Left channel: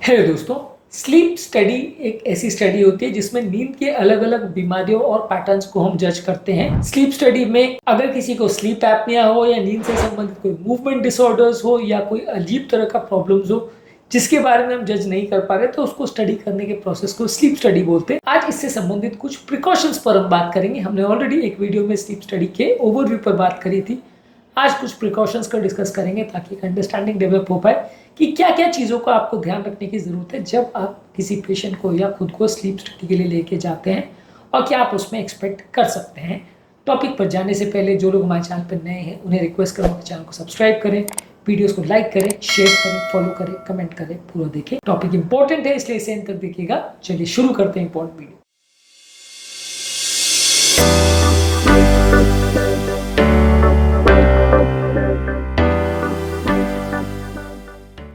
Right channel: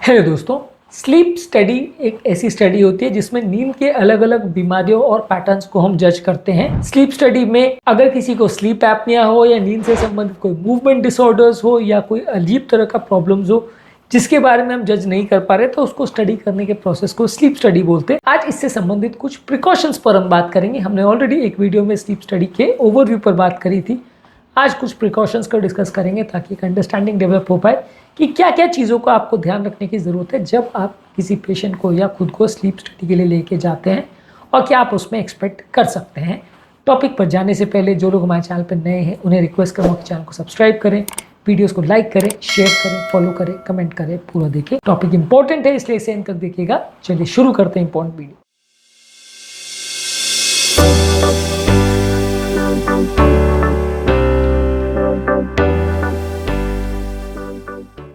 Hello दोस्तों, sleep study एक ऐसी स्टडी होती है जिसमें नींद के अलग अलग बीमारियों और पैटर्न्स को हम जज करते हैं। स्लीप स्टडी में अगर किसी को स्लीप एपनिया हो या नींद से संबंधित कोई मूवमेंट डिसऑर्डर्स हो या कोई अजीब तरह का प्रॉब्लम्स हो जिसके बारे में हम जज नहीं कर पा रहे, तो उसको स्टडी करने के प्रोसेस को स्लीप स्टडी बोलते हैं। आज इससे संबंधित कुछ प्रिकॉशंस पर हम बात करेंगे। हमने ऑलरेडी एक वीडियो में स्लीप स्टडी के ओवरव्यू पर बात करी थी। आज कुछ प्रिकॉशंस का डिस्कस करेंगे ताकि एक अंडरस्टैंडिंग डेवलप हो पाए कि क्या क्या चीज़ों का आपको ध्यान रखने की ज़रूरत है जब आप किसी पेशेंट को या खुद को स्लीप स्टडी के लिए लेके जाते हैं, और क्या आप उसमें एक्सपेक्ट कर सकते हैं। टॉपिक पर जाने से पहले जो लोग हमारे चैनल पर नए हैं उन्हें रिक्वेस्ट करूँगा कि चैनल को सब्सक्राइब करें, वीडियोस को लाइक करें, शेयर करें, फॉलो करें, कमेंट करें, पूरा देखें। टॉपिक इंपॉर्टेंट है इसलिए इसे एंड तक देखिएगा। चलिए शुरू करते हैं इंपॉर्टेंट वीडियो।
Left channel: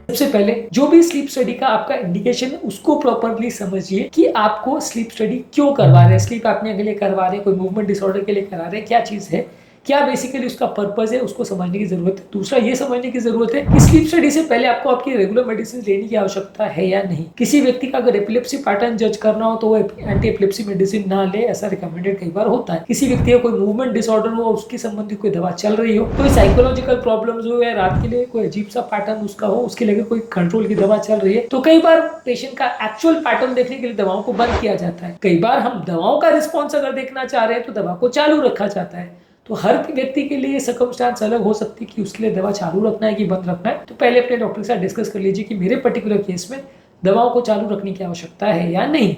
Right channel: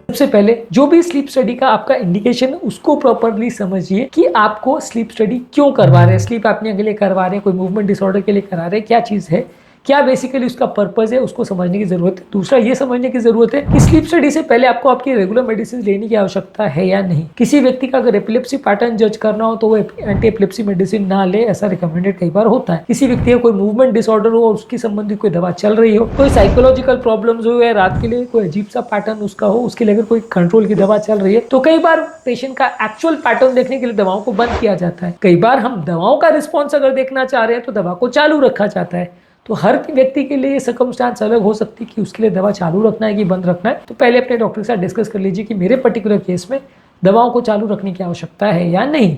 सबसे पहले जो भी स्लीप स्टडी का आपका इंडिकेशन है उसको प्रॉपरली समझिए कि आपको स्लीप स्टडी क्यों करवा रहे हैं। स्लीप एपनिया के लिए करवा रहे हैं, कोई मूवमेंट डिसऑर्डर के लिए करा रहे हैं, क्या चीज़ है, क्या बेसिकली उसका पर्पस है, उसको समझने की जरूरत है। दूसरा ये समझने की जरूरत है कि स्लीप स्टडी से पहले आपको आपकी रेगुलर मेडिसिन लेने की आवश्यकता है या नहीं। किसी व्यक्ति का अगर एपिलेप्सी पैटर्न जज करना हो तो वो एंटी एपिलेप्सी मेडिसिन ना ले, ऐसा रिकमेंडेड कई बार होता है। किसी व्यक्ति का कोई मूवमेंट डिसऑर्डर हो, उसकी संबंधित कोई दवा चल रही हो, कोई साइकोलॉजिकल प्रॉब्लम्स हो या रात के लिए कोई अजीब सा पैटर्न उसका हो, उसके लिए अगर कोई कंट्रोल की दवा चल रही है, तो कई बार पेशेंट का एक्चुअल पैटर्न देखने के लिए दवाओं को बंद किया जाता है। कई बार हम दवाओं का रिस्पॉन्स अगर देखना चाह रहे हैं तो दवा को चालू रखा जाता है। तो हर व्यक्ति के लिए सर्कमस्टांस अलग हो सकती है कि उसके लिए दवा चालू रखना है कि बंद रखना है। तो पहले अपने डॉक्टर के साथ डिस्कस कर लीजिए कि मेरे पर्टिकुलर केस में दवाओं को चालू रखने की आवश्यकता है या नहीं।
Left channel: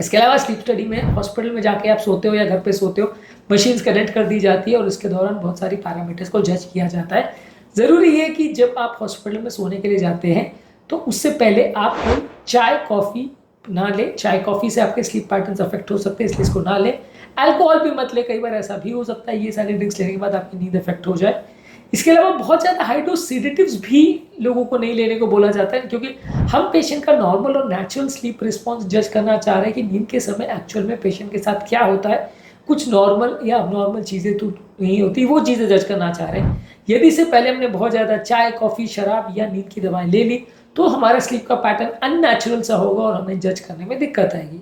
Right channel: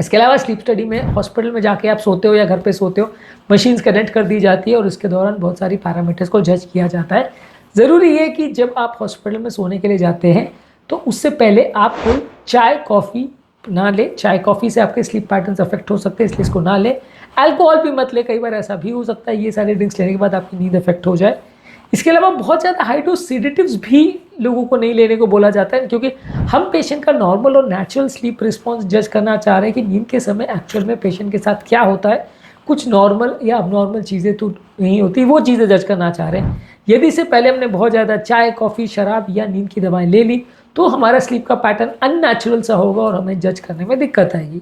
इसके अलावा स्लीप स्टडी में हॉस्पिटल में जाके आप सोते हो या घर पे सोते हो, मशीन्स कनेक्ट कर दी जाती है और इसके दौरान बहुत सारी पैरामीटर्स को जज किया जाता है। ज़रूरी है कि जब आप हॉस्पिटल में सोने के लिए जाते हैं तो उससे पहले आप कोई चाय कॉफ़ी ना ले। चाय कॉफ़ी से आपके स्लीप पैटर्न्स अफेक्ट हो सकते हैं, इसलिए इसको ना ले। अल्कोहल भी मत ले, कई बार ऐसा भी हो सकता है ये सारे ड्रिंक्स लेने के बाद आपकी नींद अफेक्ट हो जाए। इसके अलावा बहुत ज़्यादा हाई डोज सेडेटिव्स भी लोगों को नहीं लेने को बोला जाता है, क्योंकि हम पेशेंट का नॉर्मल और नेचुरल स्लीप रिस्पॉन्स जज करना चाह रहे हैं कि नींद के समय एक्चुअल में पेशेंट के साथ क्या होता है। कुछ नॉर्मल या अबनॉर्मल चीज़ें तो नहीं होती, वो चीज़ें जज करना चाह रहे हैं। यदि इससे पहले हमने बहुत ज़्यादा चाय, कॉफ़ी, शराब या नींद की दवाएं ले ली तो हमारा स्लीप का पैटर्न अननेचुरल सा होगा और हमें जज करने में दिक्कत आएगी।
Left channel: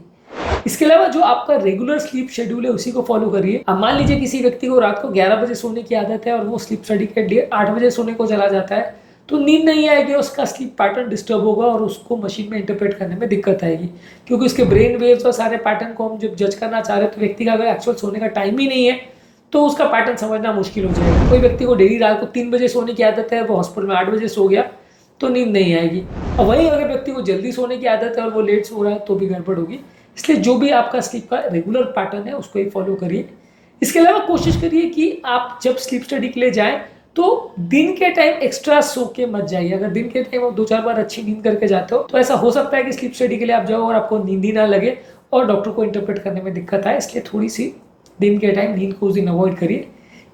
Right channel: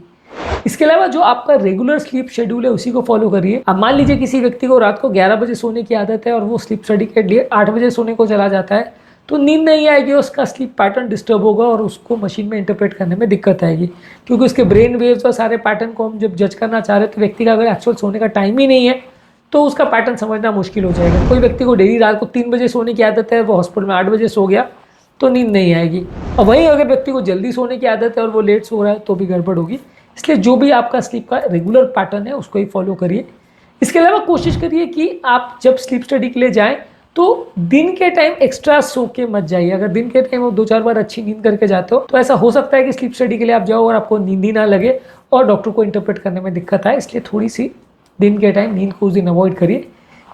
इसके अलावा जो आपका रेगुलर स्लीप शेड्यूल है उसी को फॉलो करिए। अब मान लीजिए किसी व्यक्ति को रात को 11 बजे सोने की आदत है और वो स्लीप स्टडी के लिए 8 बजे सोने को चला जाता है, तो नींद नहीं आएगी, उसका स्लीप पैटर्न डिस्टर्ब होगा और उसको मशीन में इंटरप्रेट करने में दिक्कत आएगी, क्योंकि उसके ब्रेन वेव्स और सारे पैटर्न को हम जब जज करना चाह रहे हैं तो व्यक्ति का अगर एक्चुअल सोने का टाइम ही नहीं है तो उसका पैटर्न समझना मुश्किल हो जाएगा। कोई व्यक्ति को डेली रात को 3 बजे सोने की आदत है, वो हॉस्पिटल में 8 बजे सो गया तो नींद नहीं आएगी। और वहीं अगर व्यक्ति को जल्दी सोने की आदत है और वो लेट सो रहा है तो भी गड़बड़ होगी। इसलिए जो भी आपका स्लीप का रेगुलर पैटर्न है उसको ही फॉलो करिए। इसके अलावा कोशिश करिए कि आप जब स्लीप स्टडी के लिए जाएं तो दिन के टाइम एक्स्ट्रा सो के मत जाइए। अगर दिन के टाइम आप 2-4 बार अच्छी नींद करके जाते हो तो ऐसा हो सकता है कि स्लीप स्टडी के लिए आप जाओ और आपको नींद ही ना लगे और डॉक्टर को इंटरप्रेट करने में दिक्कत आए। इसलिए थोड़ी सी दिन के टाइम नींद को उस दिन अवॉइड करिए।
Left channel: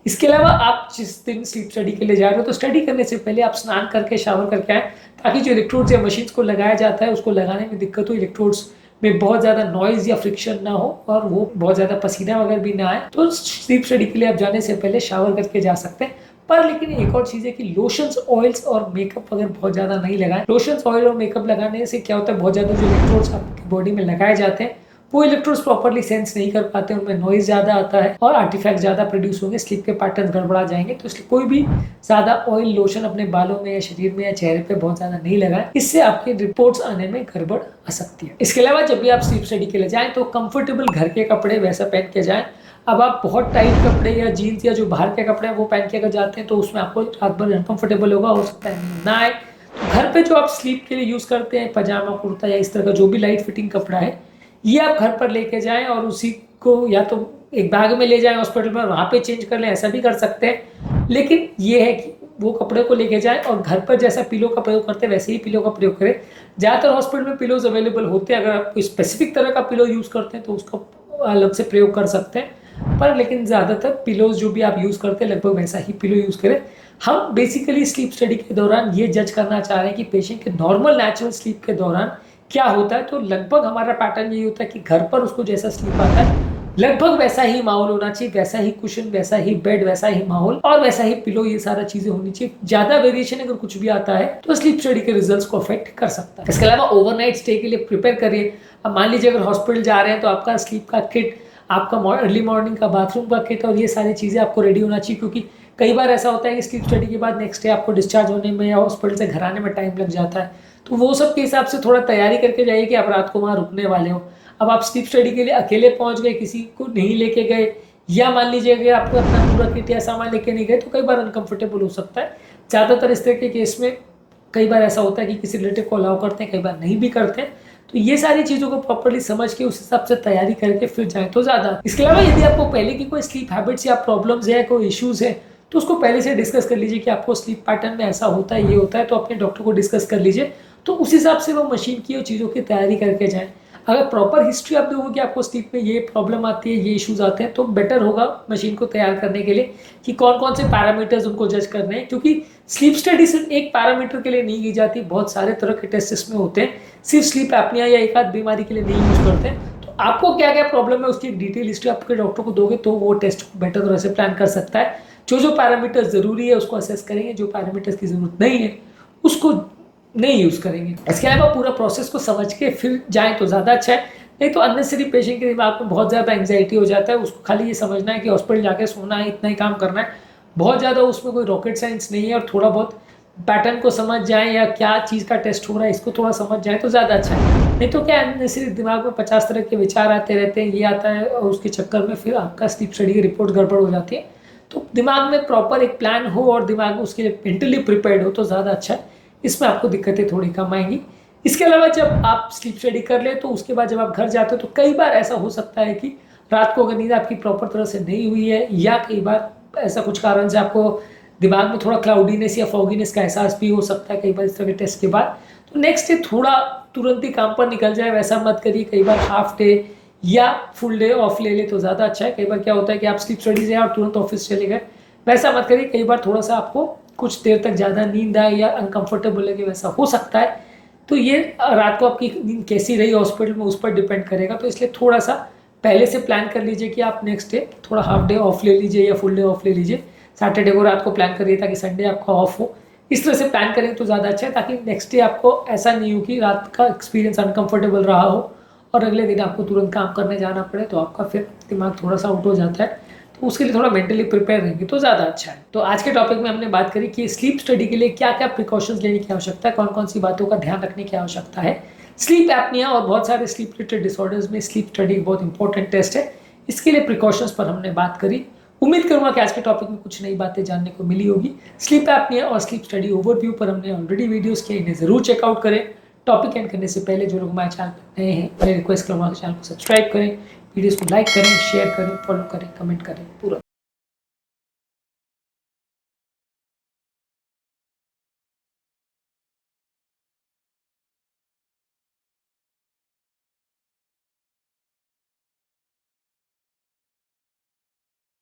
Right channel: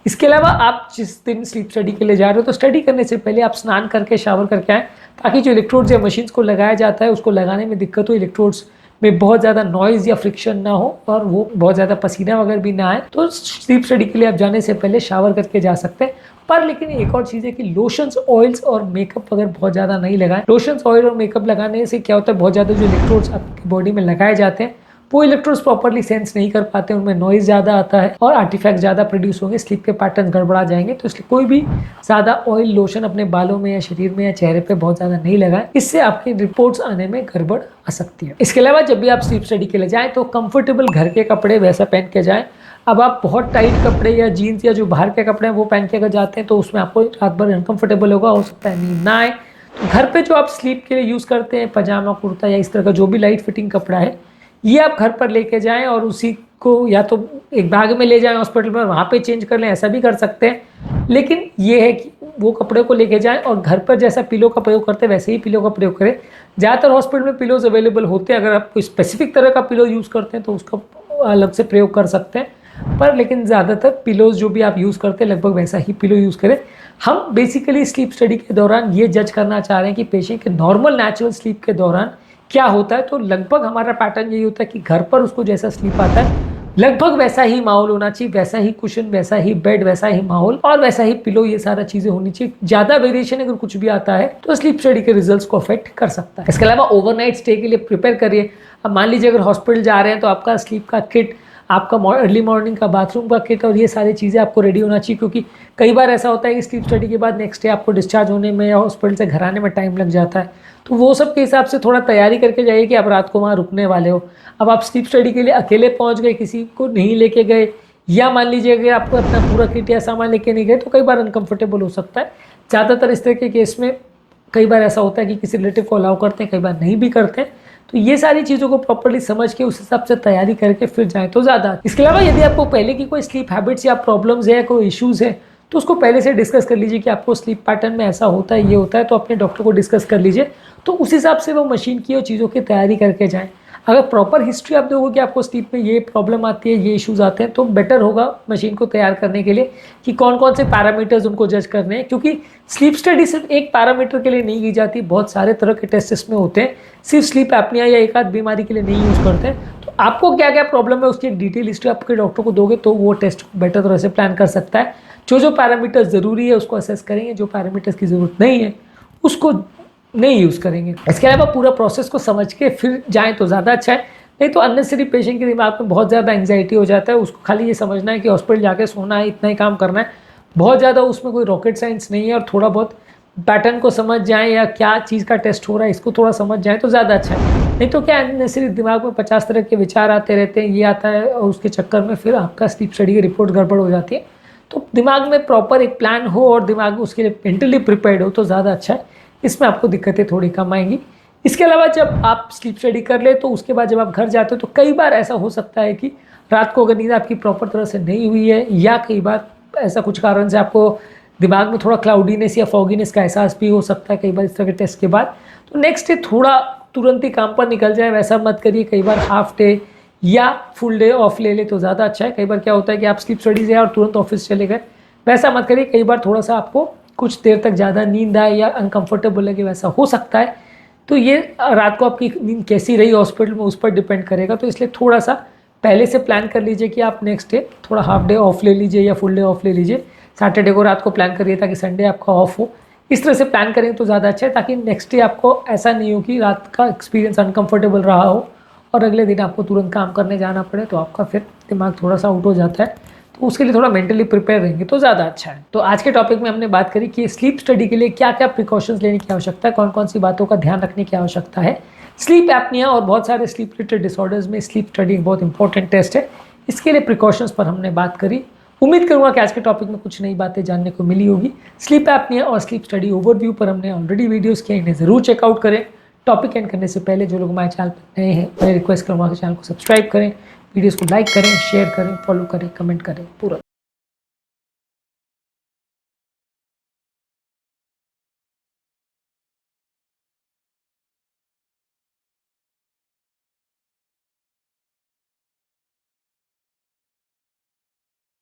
इसके अलावा आप जिस दिन स्लीप स्टडी के लिए जा रहे हो तो स्टडी करने से पहले आप स्नान करके शावर करके आएँ, ताकि जो इलेक्ट्रोड्स या मशीन्स को लगाया जाता है उसको लगाने में दिक्कत हो, इलेक्ट्रोड्स में बहुत ज़्यादा नॉइज़ या फ्रिक्शन ना हो और वो बहुत ज़्यादा पसीना वगैरह भी ना आए। तो स्लीप स्टडी के लिए आप जाने से पहले शावर करके जा सकते हैं। पर लेकिन एक और चीज़ है कि लोशंस, ऑयल्स और मेकअप अगर बहुत ज़्यादा नहीं लगाएं। लोशंस, ऑयल और मेकअप लगाने से क्या होता है, बहुत ज़्यादा जो इलेक्ट्रोड्स आपकी बॉडी में लगाए जाते हैं वो इलेक्ट्रोड्स प्रॉपर्ली सेंस नहीं कर पाते, उनमें नॉइज ज़्यादा आता है और आर्टिफैक्ट ज़्यादा प्रोड्यूस होंगे, स्लीप के पैटर्न गड़बड़ा जाएंगे। तो इसलिए कोई भी ज़्यादा ऑयल, लोशन अपने बालों में या शरीर में या चेहरे पे बहुत ज़्यादा नहीं लगाएं, इससे आपकी रिपोर्ट्स आने में गड़बड़ आ सकती है। इसके अलावा जब भी आप स्लीप स्टडी के लिए जाएँ तो कंफर्टेबल घर के कपड़े वैसा पहन के जाएँ। अब आप बहुत टाइट कपड़े या जीन्स या जो बाहर के कपड़े हैं वो पहन के अगर जाते हैं तो उसमें आपको रात भर अनकंफर्टेबल होगा, हो सकता है नींद ना आए। तो घर पे जो आप स्लीप के लिए यूज़ करते हैं पजामा, कुर्ता या इस तरह का जो भी लाइट फिटिंग कपड़ा है, ये आप घर पर लेके जाएं और उसी को या तो एक बैग में ले जाएं हॉस्पिटल में, वहाँ पे चेंज कर लें, ऐसा भी कर सकते हैं। लेकिन ये है कि वो कपड़े को लेके जाएं और घर पर जैसा पिलो का प्रयोग करते हैं वैसे ही पिलो का प्रयोग करें। ज़्यादातर हॉस्पिटल में पिलोज अवेलेबल होते हैं, अगर आप कोई स्पेसिफिक तरह का पिलो यूज़ करते हैं तो उसका अलग से प्रयोग कर सकते हैं। पर लेकिन ज़्यादातर पिलोज जो भी आप यूज़ करते हैं लगभग वैसा ही पिलो यूज़ करें। हम बेसिकली स्लीप स्टडी के दौरान ये जज करना चाह रहे हैं कि पेशेंट के नॉर्मल नेचुरल स्लीप के दौरान क्या होता है। तो लगभग हमारा पैटर्न यही होता है कि घर पर उसको जैसा स्लीप आता है लगभग वैसा ही माहौल होना चाहिए, वैसा ही कुशन, वैसा ही बेड, वैसा ही माहौल और वैसा ही पिलो, ये सारा चीजें होनी चाहिए। ज्यादा वेरिएशन अगर कुछ भी आता है तो स्लीप स्टडी के रिजल्ट्स को अफेक्ट कर सकता है। इसके अलावा ओवरनाइट स्टे के लिए प्रिपेयर करिए। अब मान लीजिए अगर हॉस्पिटल जा रहे हैं तो आपका स्लीप का किट, आपका अर्ली मॉर्निंग का बाथरूम का किट और ये सारी चीज़ें आपको रेडी होना चाहिए, क्योंकि कई बार ऐसा होता है कि स्लीप स्टडी के बाद नेक्स्ट डे आपको डिस्चार्ज होने में या हॉस्पिटल से घर आने में टाइम लग जाता है। तो वो सब के हिसाब से थोड़ा तैयारी करके जाइए कि आप रात को वहाँ रुकने वाले हो। अब आप स्लीप स्टडी के लिए अकेले पहुँच गए, किसी को नहीं लेके गए, या मान लीजिए अगर आपको अपना पूरा किट या सामान लेके नहीं गए तो कई बार अनकंफर्टेबल हो सकता है। ज़्यादातर इस तरह के केस में कई बार ऐसा होता है कि किसी रिलेटिव को अलाउ करते हैं, कई बार नहीं भी करते हैं। तो ये सारी चीज़ों को प्रॉपर्ली समझ के उस हिसाब से तैयारी करके फिर जाएं तो ज़्यादा। इसके अलावा यदि आपको पहले की कोई स्लीप हैबिट्स या प्रॉब्लम्स है, कोई इश्यूज़ है, तो उसको पहले से डिस्कस कर लीजिए कि आपको स्लीप पैटर्न में ऐसा होता है, ये होता है, तो अपने डॉक्टर को डिस्कस कर लीजिए। तो उस हिसाब से वो मशीन की और चीज़ों की तैयारी करके जाएँ। अगर प्रॉपर हिस्ट्री आप दोगे कि आपको स्लीप में ये प्रॉब्लम आती है, ये इश्यूज आते हैं, तो बेटर होगा मशीन को तैयार करने के लिए कि कौन कौन से पैरामीटर्स उनको जज करने हैं। क्योंकि स्लीप स्टडी सिर्फ एक पैरामीटर के लिए नहीं की जाती, बहुत सारे तरह के टेस्ट इसमें होते हैं। सिर्फ स्लीप एपनिया या एक आध बीमारी के लिए नहीं यूज़ करते हैं। तो आपको क्या क्या प्रॉब्लम है उसकी डिटेल हिस्ट्री आपके डॉक्टर को दोगे तो वो टेस्ट बेटर तरह से प्लान कर सकता है। जो जो पैरामीटर्स ज़रूरी है उसको असेस करेंगे, जो पैरामीटर्स की ज़रूरत नहीं है उसको नहीं यूज़ करेंगे। इसके अलावा पूरा प्रोसेस को समझ के फिर जाएं तो ज़्यादा अच्छा है। नहीं तो अननेसेसरी पेशेंट के दिमाग में बहुत ज़्यादा एंग्जाइटी हो जाता है, उसको खाली ये समझना है कि हॉस्पिटल जाके सोना है, इतना ही काम करना है। बहुत ज़्यादा उसमें कोई रॉकेट साइंस नहीं है, और थोड़ा बहुत पैटर्न को समझ जाएं या क्या चीज़ का टेस्ट हो रहा है इसको थोड़ा समझ जाएं तो ज़्यादा अच्छा है। नहीं तो क्या अननेसेसरी दिमाग में 50 तरह के विचार आते रहते हैं, ये आता है और उसके चक्कर में फिर आपका स्लीप स्टडी की रिपोर्ट गड़बड़ हो जाती है। तो दिमाग में प्रॉपर एक प्लान हो और दिमाग में उसके लिए मेंटली प्रिपेयर्ड हो तो ज़्यादा अच्छा है। इसमें आपको दिक्कतें थोड़ी कम आएंगी। इसके अलावा जब आप स्लीप स्टडी कर ले तो उसके बाद जब आप घर जाते हो तो कई बार ऐसा हो सकता है कि रात को अगर नींद आपकी प्रॉपर तरह से नहीं हुई है, या कई बार ऐसा कुछ कारण से आपको दिमाग में थोड़ा क्लाउडीनेस या फॉगीनेस का एहसास भी हो सकता है कई बार इस तरह के टेस्ट के बाद। तो नेक्स्ट डे थोड़ा तुरंत ही काम पर निकल जाए वैसा मत करिए। कई बार हाफ डे या फुल डे ऑफ ले ले तो ज़्यादा अच्छा है। कई बार क्या होता है कि आप स्लीप स्टडी से और तुरंत ऑफिस चले गए, वैसा मत करिए। कई बार थोड़ा सा आपको कुछ देर तक ज़्यादा नींद आए या अनकंफर्टेबल लगे, वैसा हो सकता है। तो ये रात को आपकी नींद कैसी रही हॉस्पिटल में उस पर डिपेंड करेगा। तो इसलिए थोड़ा सा पहले से प्लान कर लीजिए कि आप नेक्स्ट डे थोड़ा हाफ डे ऑफ ले लीजिए या फुल डे ऑफ ले लीजिए। सैटरडे को रात को प्लान करिए ताकि संडे आपका ऑफ हो। इस तरह से प्लान करेंगे तो ज़्यादा अच्छा है, ताकि नेक्स्ट डे आपको ऐसा नहीं हो कि रात का एक्सपीरियंस अनकंफर्टेबल रहा हो और अगले दिन आपको तुरंत काम करने जाना पड़े, तो आपका फिर दिमाग थोड़ा सा आउट हो जाता है। तो उसके लिए थोड़ा मेंटली प्रिपेयर रहेंगे तो ज़्यादा अच्छा है। तो आज के टॉपिक में हमने बात करी कि स्लीप स्टडी के लिए क्या क्या प्रिकॉशंस लेने की आवश्यकता है, कौन कौन सी बातों का ध्यान रखने की आवश्यकता है। स्लीप एपनिया और बहुत सारे स्लीप रिलेटेड डिसऑर्डर्स में स्लीप स्टडी बहुत इंपॉर्टेंट टेस्ट है। इसके लिए प्रिकॉशंस पर हमने बात करी। उम्मीद करूंगा कि आज के टॉपिक में कुछ नई बातें जानने को मिली होगी। स्लीप एपनिया और स्लीप स्टडी ओवरव्यू पर हमने ऑलरेडी वीडियोस किए, इन्हें जरूर चेकआउट करें। टॉपिक एंड करने से पहले जो लोग हमारे चैनल पर नए हैं मैं रिक्वेस्ट करूँगा कि चैनल को सब्सक्राइब करें, वीडियोस को लाइक करें, शेयर करें, फॉलो करें, कमेंट करें, पूरा